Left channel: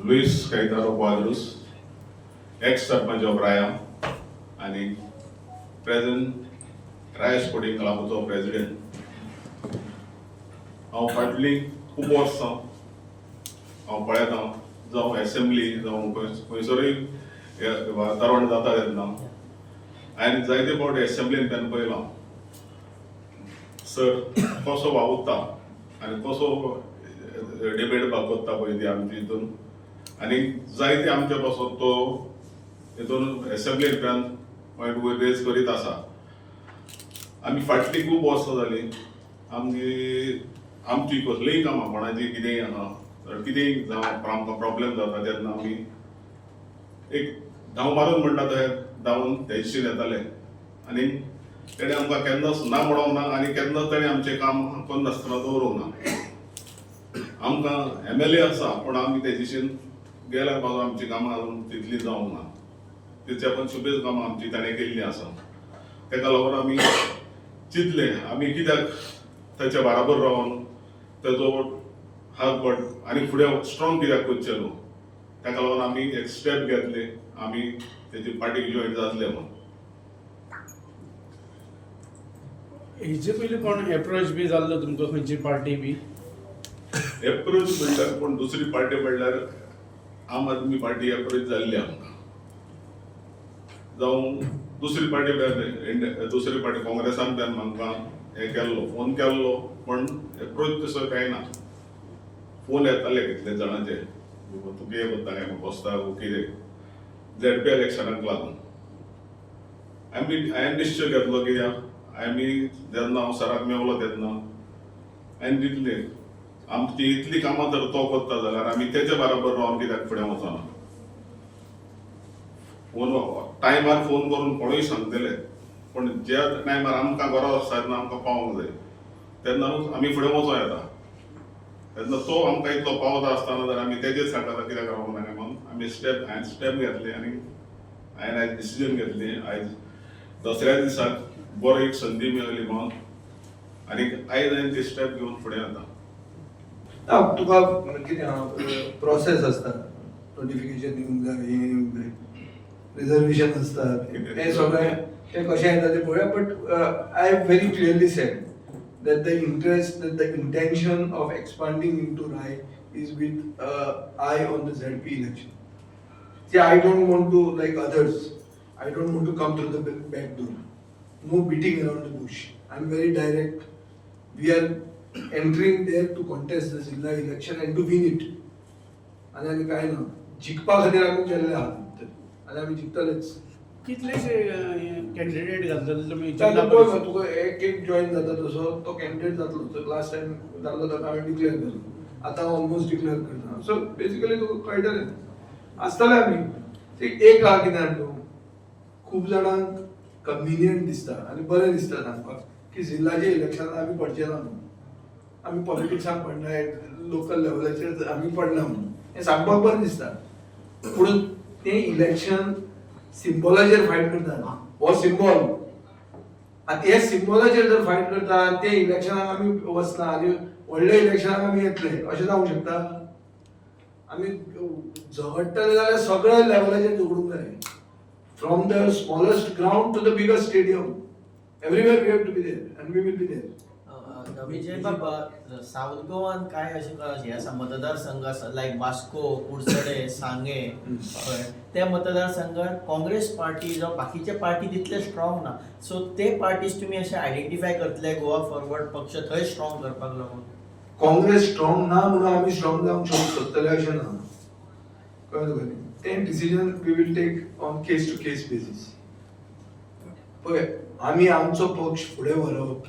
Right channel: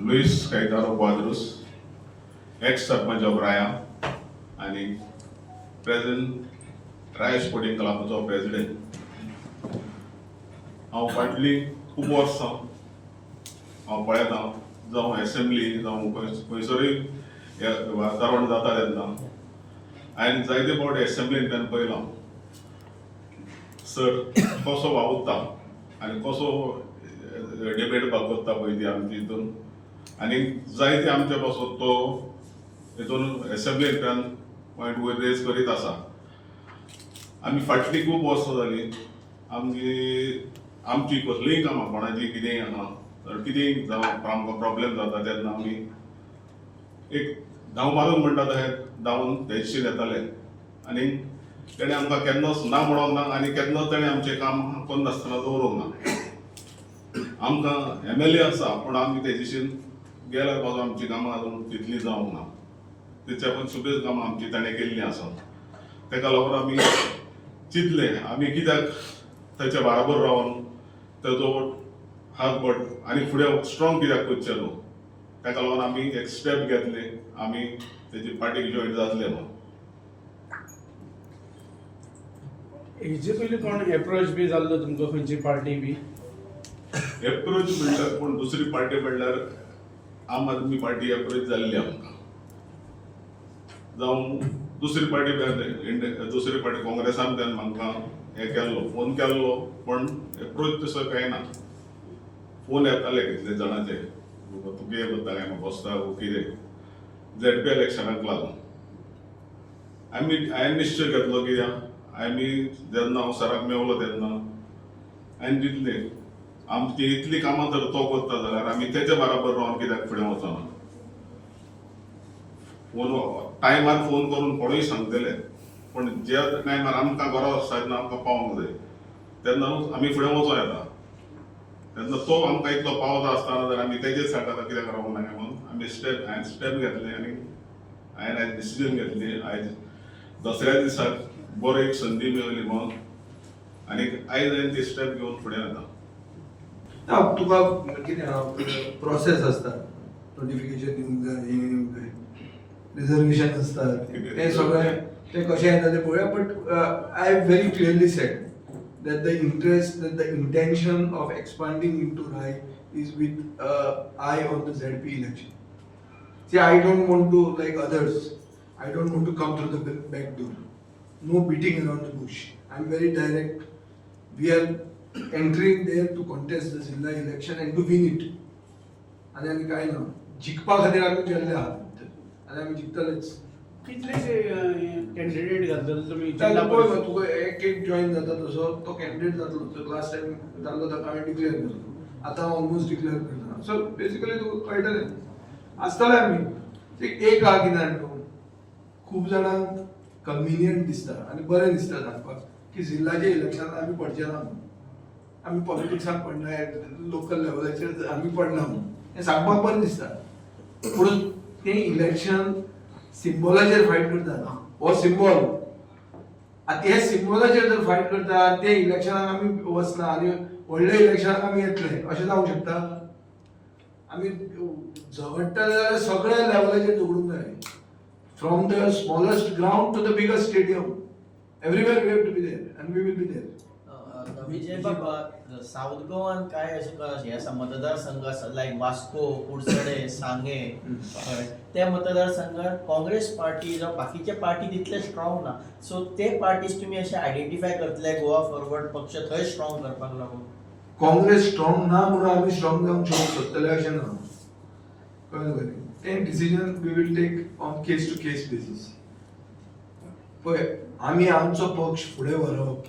Luis Caetano Quadros, ex-सरपंच of राया आणि present राया sporting क्लबाचो president. हांव फाटलीं खूब वर्सां हांव पळयता जावं एसेंब्ली जावं खंयसरूय तरण जाता तेन्ना हांवें जायते फावटी एसेंब्लीन तेन्ना पळयलां सर कसो वावुरता आनी कसो डिबेट करता पळय ती आमची हितून आनी जायते आमचे पासून तो हितून एसेंब्लीन पॉयंट वयर रेज करीत आसा. आमी फाटलीं खूब वर्सां जालीं आमची कसलीय कामां कोणाची कितेंय आहा कितेंय जावं आमकां प्रॉब्लेम जाता तेन्ना आमी एक धांव मारून म्हणटा तशें धांवून ते दिशेन येताले आनी तेणें आमकां केन्नाच ना म्हणूंक ना आनी केन्नाच तेणें आमचें काम करून नासतना दवरूंक ना. आमकां MLA आसा पूण आमी ते दिशेन गेल्यार बाबा आमची कामां अजून तितली जावंक ना. तेच्या पण सुबेज कामां आमची ताणें केल्लीं आसा. तेका लागून आमी चिंतलें आमी कित्याक ताच्या बराबर रावन तेजो हात बोट आनी फुडें स्ट्रॉंग कित्याक करचें न्हू. तेका लागून आमी एक स्टेप घेतलें आमी तेजी पार्टीक जॉयन जातले म्हणून. हेचे पयलीं कोण एप्रोच बी जाल्लो तुमकां खंयची पार्टी बी? एप्रोच म्हणल्यार पूण दुसरी पार्टी म्हणल्यार आम आदमी पार्टी एप्रोच जाल्ली आमकां जावं दुसरी पार्टी काँग्रेसान तेन्ना आमकां हें केल्लो फोन केल्लो पण एप्रोच तसो कांय ना. फोन येताले कितले जाणांचे तूं कितें करता काय म्हाका बसता कितें ZP इलेक्शनाक लागून हांवें निश्चय घेतलो की आमी जेन्ना हांव सराक मेवलो तेन्ना हांवें चिंतलें आमची इतली कामां जर तो करता जाल्यार आमी तेच्या बराबर रावन कित्याक फुडें वचना. फोन टायमार फोन करून कोणूय सांगतले पण ज्या टायमार आमकां गरज आसता तेन्ना आमकां पावूंक जाय तेन्नाच आमी फुडें वचूं येता. तेन्ना तो आमकां इतलो पावता आसतना जर आमी तेजेच फाटल्यान कित्याक रावूंक ना म्हणून हांवें स्टेप घेतलें आनी हांवें आयज डिसिजन घेतली. आयज दसऱ्या दिसाक बरो एक संदी मेळ्ळी म्हणून आनी आयज हांवें ती स्टेप घेवन फुडें येता. तुका कितें प्रोसेस आसता नोटिफिकेशन दिवंक जाय हें येवंक जाय रिजर्वेशन आसतात तें सगळें तें कशें येता तें पळोवया. But I have very clearly sed that the intention of expanding into RAI is with eye on the ZP election. See, I don't want to, like others, I don't want to come through the back door. No beating around the bush. I'm very direct. We are entering there to contest the Zilla election and to win it. आणि आम्ही काय ना जिखपा खातीर आमी गेल्ले आहात आनी आमी जिखतलेच. कितलेशे कॅन्डिडेट घालतले तुमी? पळय तुका एक एक जॉईन जाता तसो तो कॅन्डिडेट जातलो. लास्ट टायम जाल्लो ताका हांवें डिक्लेअर केलो. आतां हांव ऑलमोस्ट डिक्लेअर करना. सो बेसिकली तुका कळटलें आसतले आमी एक आहा कितें जाणा खूब जाणांक कन्विनियंट दिसता आनी बरें दिसता सांगपाक की जिल्ल्याच्या इलेक्शनांत आमी पडचे ना म्हणून. आमी पॉलिटिक्सांत पडनाय लोकल लेवलाचेर आमी पडना म्हणून हें सांगपाक बरें दिसता. पूण तें इलेक्शन सिम्बॉलाचेर फायट करता हो सिम्बॉल आतां हे सिम्बॉलाचेर जर फायट करता ते इलेक्शनाक आमी वचना आनी व्हडल्या इलेक्शनाक आमी येतले अशें जावंक शकता? आमी झगडटले जाल्यार सगळ्या लेवलाचेर झगडूंक जाय. From the smallest ground to the biggest stadium everywhere we have to be there and we will be there. Vijay Baba south गोवान काय अशें आसा मतदारसंघ आसा लायक वास्को कुडचडे सांगे त्या मतदारसंघात काँग्रेस पार्टी जावं बाकीचे पार्टी तितले स्ट्रॉंग ना. सो ते पार्टीज तुमी अशे आयडेंटिफाय करतले गोवा फॉरवर्ड पक्ष थंय स्ट्रॉंग करपाक लागून? काँग्रेस स्ट्रॉंग ना म्हणून आमी स्ट्रॉंग जावंक सोदतले अशें ना. कळ्ळें तुका न्ही? तें decision we will take on case to case basis. पळय आमी आमचो पक्ष फुडें व्हरप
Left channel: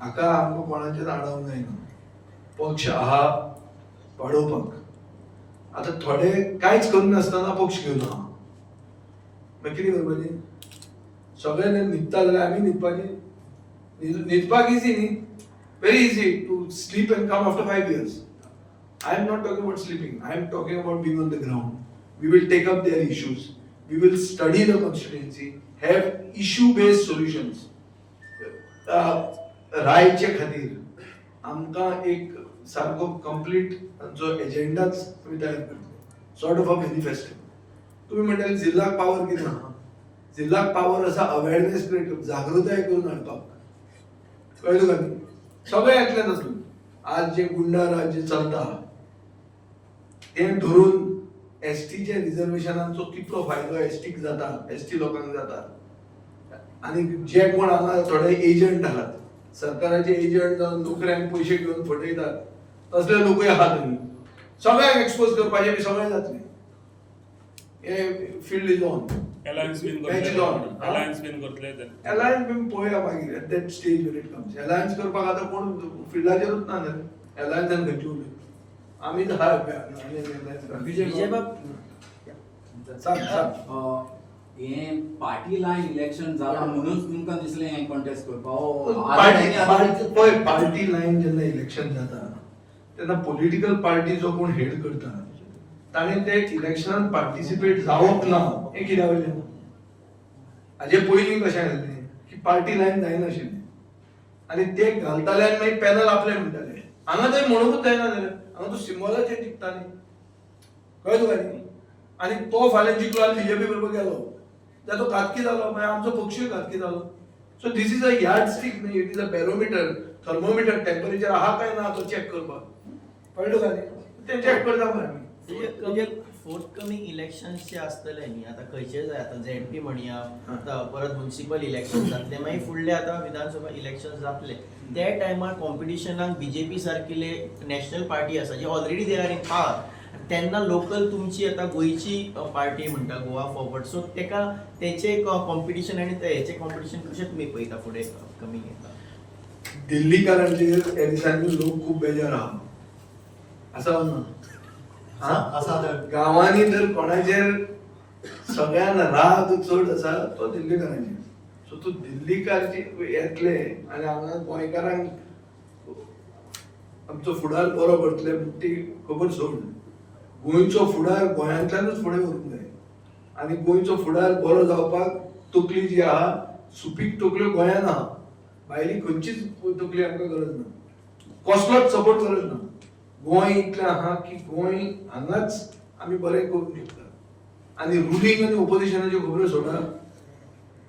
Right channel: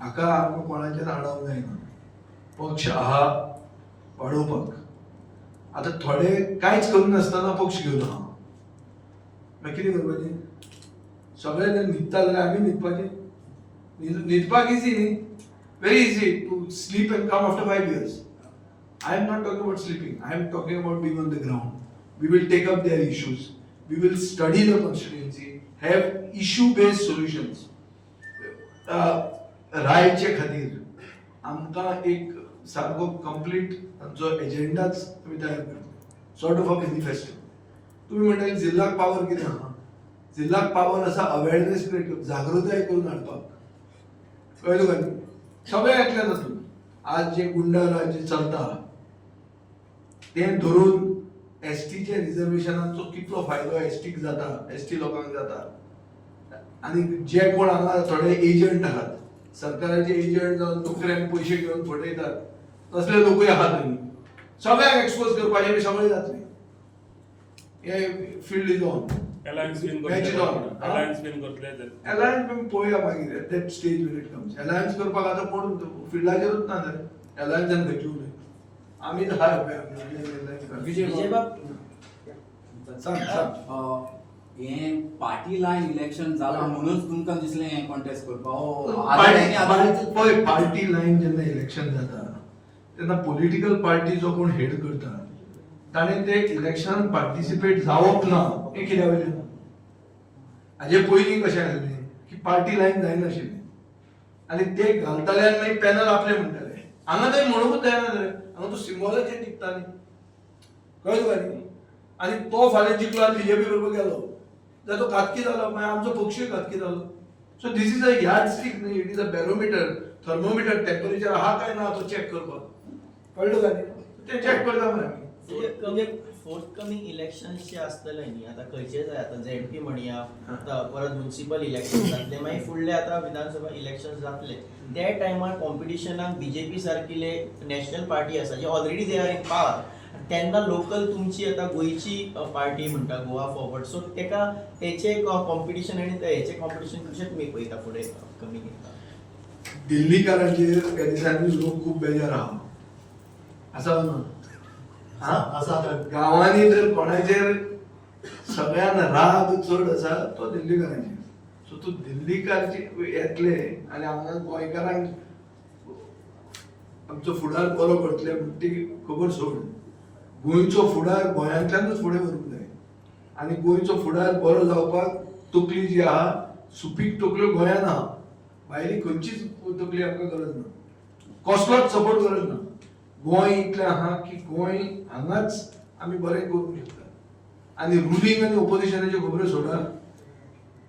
हाका आमकां कोणाचेच आडावंक जायना. पक्ष आहा वाडोवपाक. आतां थोडे कांयच करनासतना पक्ष घेवन आहा मागीर कितें करपाचें? सगळ्यांनी न्हिदता जाल्यार आमी न्हिदपाचें? न्हिदपाक इजी न्ही. Very easy to sleep and come after 5 years. I am not talking about sleeping. I am talking about being on the ground. We will take up their issues. We will study the constituency, have issue-based solutions. रायचे खातीर आमकां एक सारको complete तांचो एजेंडाच आमी तयार करतले. Sort of a manifesto. तुम्ही म्हणटाले जिल्ल्याक पावर कितें आहा, जिल्ल्याक पावर आसा अवेअरनेस क्रिएट करप, जागृताय करून हाडपाक. कळ्ळें तुका न्ही? सगळें एकल्यान जातलें. आज जे गुंडा राज्य चलता तें धरून एसटीच्या रिजर्वेशनांचो कितलो फायदो एसटीक जाता, एसटी लोकांक जाता. आनी जे कोण हांगा थोडे एजंट आहात, सरकाराचे एजंट जावन नोकऱ्यांक पयशे घेवन फटयतात, तसले लोकूय आहात न्ही. सगळ्यांक एक्सपोज करपाचें बी सगळें जातलें. हे फील्ड इज ऑन. Alliance बीन Match is on. Alliance बीन करतले ते. अलायन्स बी पळोवया मागीर at that stage when it comes. Alliance करपाक आतां कोण फिल्डाचेरूच ना जालें. अलायन्सान खंयची उलय. आमी तर विजय सांग सांग. हे पार्टी लायन इलेक्शन जालां म्हणूनच तुमकां दिसलें हें कॉन्टेस्ट करपाक. पार्टी लायन जेन्ना इलेक्शन जाता तेन्ना पॉलिटिकल पार्टी जो कोण हेड करता ताणें ते इलेक्शनान पार्टिसिपेट जावप ना हें कित्याक वयलें. हाजे पयलीं कशें आसलें की पार्टी लायन जायनाशिल्ली आनी ते घालताले आनी मागीर पॅनल आपले म्हणटाले. हांगा थंय म्हणूंकूच जायना जाल्यार हांगा तो सिंबॉलाचेर जिखताली. कळ्ळें तुका न्ही? आनी तो फाल्यां जिखलो आनी बीजेपी बरोबर गेलो जाल्यार तो घातकी जालो, मागीर आमचो पक्षूय घातकी जालो. So this is a yardstick न्ही, it is a barometer, thermometer, temperature आहा काय ना तो चॅक करपाक. कळ्ळें तुका न्ही? ते चॅक करता मरे आमी. म्हणजे फोर्थकमिंग इलेक्शन्स जे आसतले न्ही, आता खंयचे जाय, आता झेडपी म्हणया, आता परत म्युनिसिपल इलेक्शन जातले, मागीर फुडले आता विधानसभा इलेक्शन जातले. त्या टायमार कॉम्पिटिशनाक बीजेपी सारकिले नॅशनल पार्टी आसा जे already they are in power, तेन्ना लोकल तुमची आता गोंयची पार्टी म्हणटा गोवा फॉरवर्ड. सो तेका तेचे कॉम्पिटिशन आनी हेचे कॉम्पिटिशन कशें तुमी पळयता फुडें कमी घेता? दिल्लीकारांचेर ह्या दिसांनी लोक खूब बेजार आहा. आसा ना? गांवांनी तर कोणाचेर सगळ्यान राग चड आसा तो दिल्लीकारांचेर. सो तूं दिल्लीकारचे येतले आनी हांगा गोंयकारांक आमचो फुडार बरो करतले ती खबर सोड. गोंयचो फुडार गोंयांतल्यानूच फुडें व्हरूंक जाय आनी गोंयचो फुडार बरो जावपाक तकली जी आहा, सुपीक तकल्यो गोंयांत आहा. भायली खंयचीच तकली आमकां गरज ना, कसलोच सपोर्ट गरज ना. गोंय इतलें आहा की गोंय हांगाच आमी बरें करूंक शकता. आनी रुलींग आनी ओपोजिशनाच्यो खबरो सोडा.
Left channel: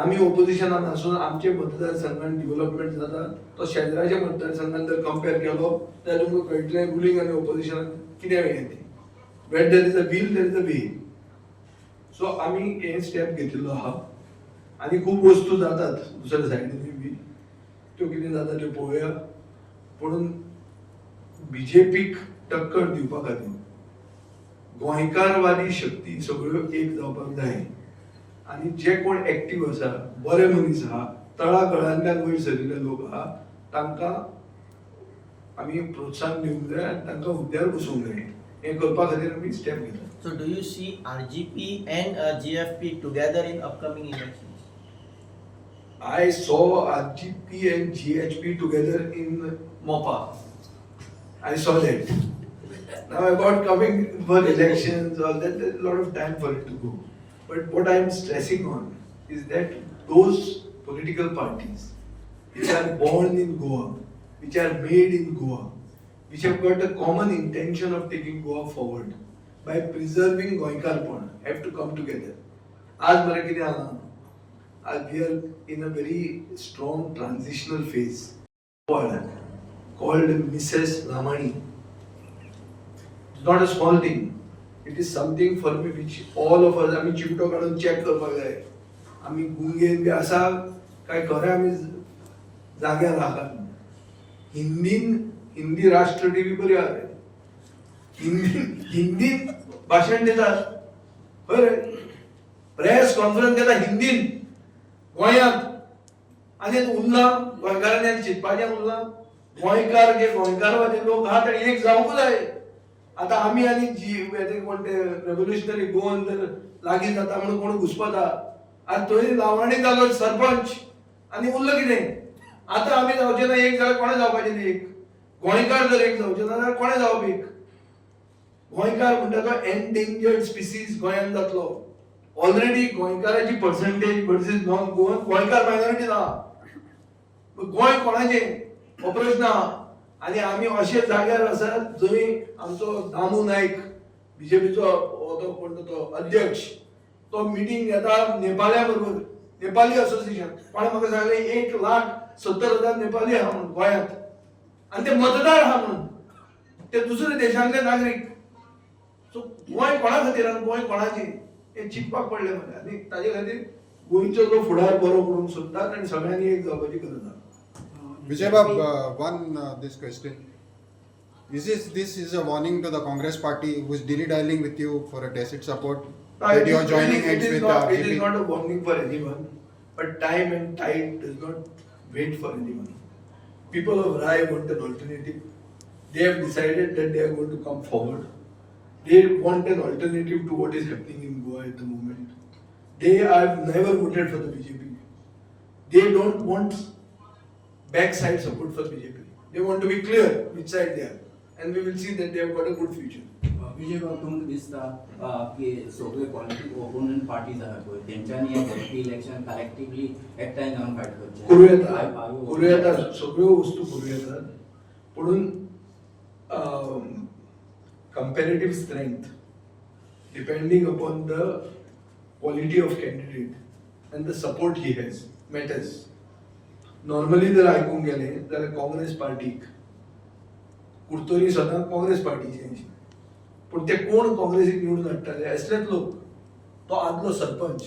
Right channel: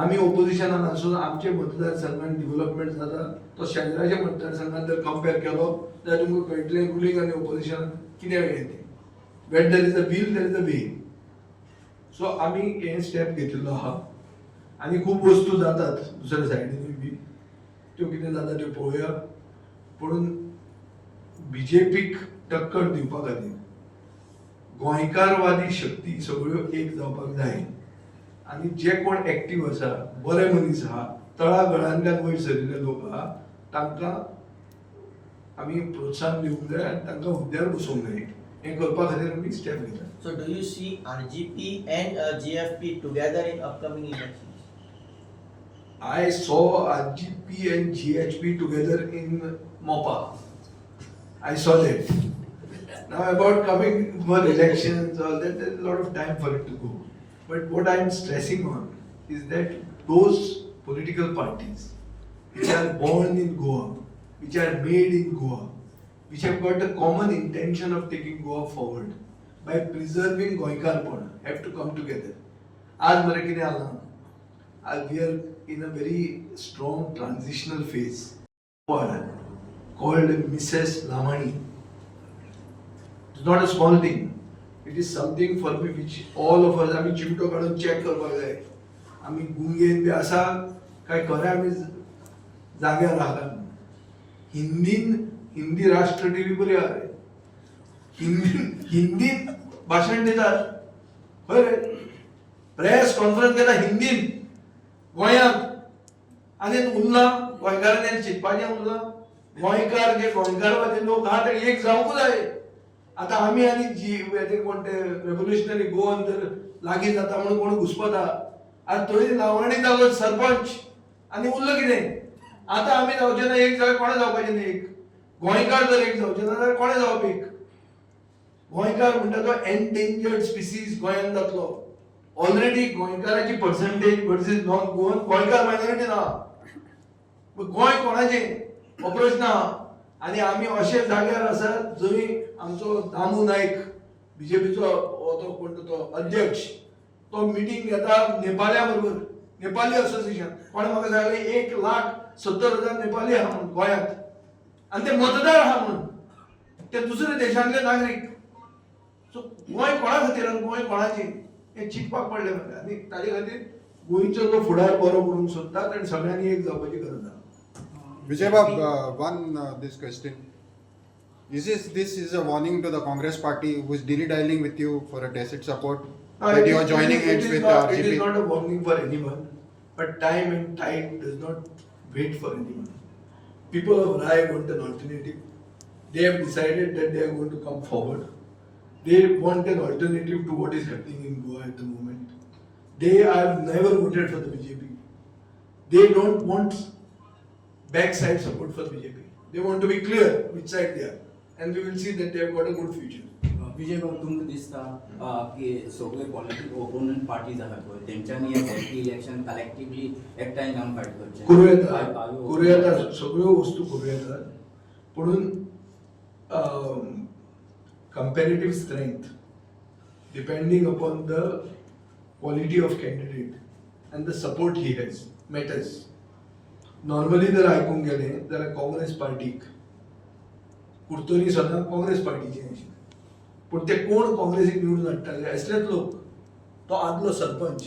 आमी ओपोजिशनान आसून आमचे मतदारसंघान डेव्हलपमेंट जाता तो शेजराच्या मतदारसंघान जर कंपेर केलो जाल्यार तुमकां कळटलें रुलींग आनी ओपोजिशन कितें हें तें. When there is a will there is a way. So आमी हे स्टेप घेतिल्लो आहा आनी खूब वस्तू जातात दुसऱ्या सायडीन बी, त्यो कितें जाता त्यो पळोवया. पूण बीजेपीक टक्कर दिवपा खातीर गोंयकारवादी शक्ती सगळ्यो एक जावपाक जाय. आनी जे कोण एक्टीव आसा, बरे मनीस आहा, तळागळांतल्यान वयर सरिल्ले लोक आहा, तांकां आमी प्रोत्साहन दिवंक जाय आनी तांकां हुद्द्यार बसोवंक जाय. हे करपा खातीर आमी स्टेप घेता. So do you see RGP and GFP together in upcoming elections? I saw RGP and GHP together in Mopa. I saw that. Now about coming for elections, all that, there's a lot of time for it to go. But what I'm stressing on is that those political parties which are born in Goa, which are made in Goa, which have got a common intention of taking Goa forward by preserving Goikarpon, have to come together. आज मरे कितें आला? As we are in a very strong transitional phase called Mrs. Lamani. It's not a small thing. It is something for me which all of us, आमी चिमटो काढून check करपाक जाय. आमी गुंगेन बी आसा काय खरें आमी जाग्यार रावतात. हिंदी राष्ट्र टीव्ही बरी आहे. हिंदीन भाशण दितात. खंय प्रेस कॉन्फरन्स घेता हिंदीन गोंयांत आनी उरला गोंयकारांनी चिंतपाचें उरला. गोंयकार जे गोंयकारवादी लोक आहा ते एक जावंक जाय. आतां आमी आनी जी कोण ते रेव्होल्युशनरी गोवन जर लागीं जाता म्हणून कोण घुसपता. आज थंय लावणी जालो सरपंच आनी उरलं कितें? आतां आमी जावचे ना एक जाल्यार कोणें जावपाचें न्ही एक. गोंयकार जर एक जावचे ना जाल्यार कोणें जावप एक? गोंयकार म्हणटा तो एनडेंजर्ड स्पिसीज गोंयांत जातलो. ऑलरेडी गोंयकाराची पर्संटेज वर्सीस नॉन गोवन गोंयकार मायनॉरिटी ना. गोंय कोणाचें? हो प्रश्न आहा. आनी आमी अशे जाग्यार आसात जंय आमचो दामू नायक बीजेपीचो तो कोण तो अध्यक्ष तो मिटींग घेता नेपाळ्या बरोबर, नेपाली असोसिएशन. पण म्हाका सांगलें 1,70,000 नेपाली आहा म्हणून गोंयांत, आनी ते मतदार आहा म्हणून ते दुसरे देशांतले नागरीक. सो गोंय कोणा खातीर आनी गोंय कोणाचें हें चिंतपाक पडलें म्हाका. आनी ताजे खातीर गोंयचो जो फुडार बरो करूंक सोदतात आनी सगळ्यांनी एक जावपाची गरज आहा. Vijay Bab, this question. This is a warning to the Congress party who is dilly-dallying with you for a tacit support that you are joining heads with It is RJP. not a warning for anyone, but time and tide does not wait for anyone. People of Rai want an alternative. They have decided that they are going to come forward. They want an alternative to what is happening in Goa at the moment. They have never voted for the BJP. They don't want backside support for BJP. They want to be clear which side they are, and we will see that they have got a good future. विजय बाबा तुमकां दिसता की सगळे political ओपोनंट parties आहा पळय तेंच्यांनी हे polity election collectively एकठांय जावन फायट करचें करूं येता सगळ्यो वस्तू करूं येतात, पुणून comparative strength depending upon the quality of candidate and the support he has matters. Normally जर आयकूंक गेलें जाल्यार काँग्रेस पार्टीक कुर्तोरी सदां काँग्रेस पार्टीचें आशिल्लें, पूण ते कोण काँग्रेसीक निवडून हाडटाले असलेच लोक. तो आदलो सरपंच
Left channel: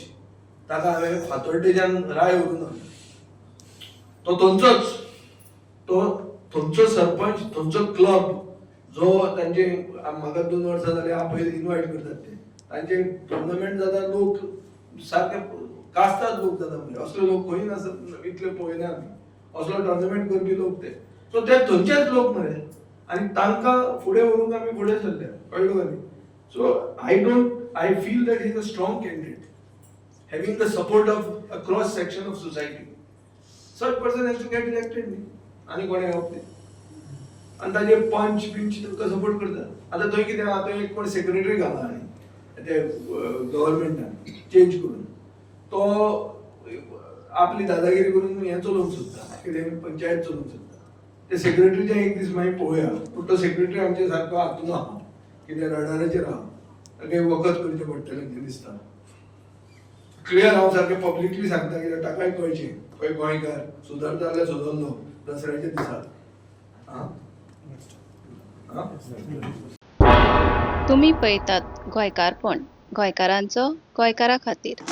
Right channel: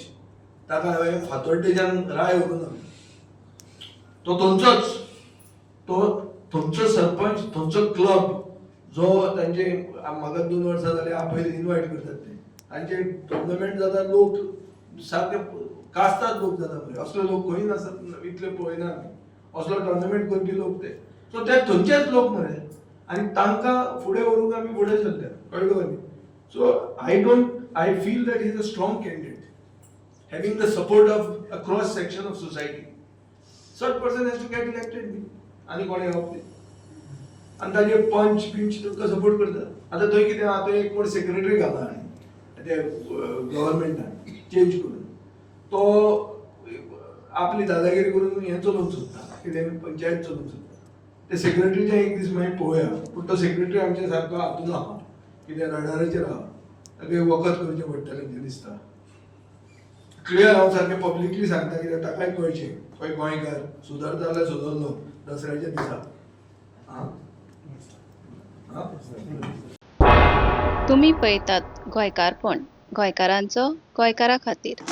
ताका हांवें फातोर्डेच्यान राय व्हरून हाडलो, तो थंयचोच, तो थंयचो सरपंच, थंयचो क्लब जो तांचे म्हाका 2 वर्सां जाली आपले इन्वायट करतात ते, तांचे टुर्नामेंट जाता लोक सारके कास्ताद लोक जाता म्हणजे असले लोक खंय नासत, इतले पळयना आमी असलो टुर्नामेंट करपी लोक ते. सो ते थंयचेच लोक मरे, आनी तांकां फुडें व्हरून आमी फुडें सरले, कळ्ळो का न्ही. So I feel that he is a strong candidate having the support of a cross section of society. Such person has to get elected न्ही, आनी कोण येवप ते. आनी ताजे पंच बिंच तुमकां सपोर्ट करता. आतां थंय कितें आहा, थंय एक कोण सेक्रेटरी घाला आनी ते गव्हर्मेंटान चेंज करून तो आपली दादागिरी करून हें चलोवंक सोदता, कितें पंचायत चलोवंक सोदता. ते सेक्रेटरीचे एक दीस मागीर पळोवया, पूण तो सेक्रेटरी आमचे सारको हातून आहा, कितें रडाराचेर आहा, ताका वखद करचें पडटलें अशें दिसता. क्लियर हांव सारकें पब्लिकली सांगता, कित्याक ताकाय कळचें खंय गोंयकार सुदारता जाल्यार सुदारलो दसऱ्याच्या दिसा. तुम्ही पळयतात गोंयकारपण, गोंयकारांचो गोंयकारा खातीर.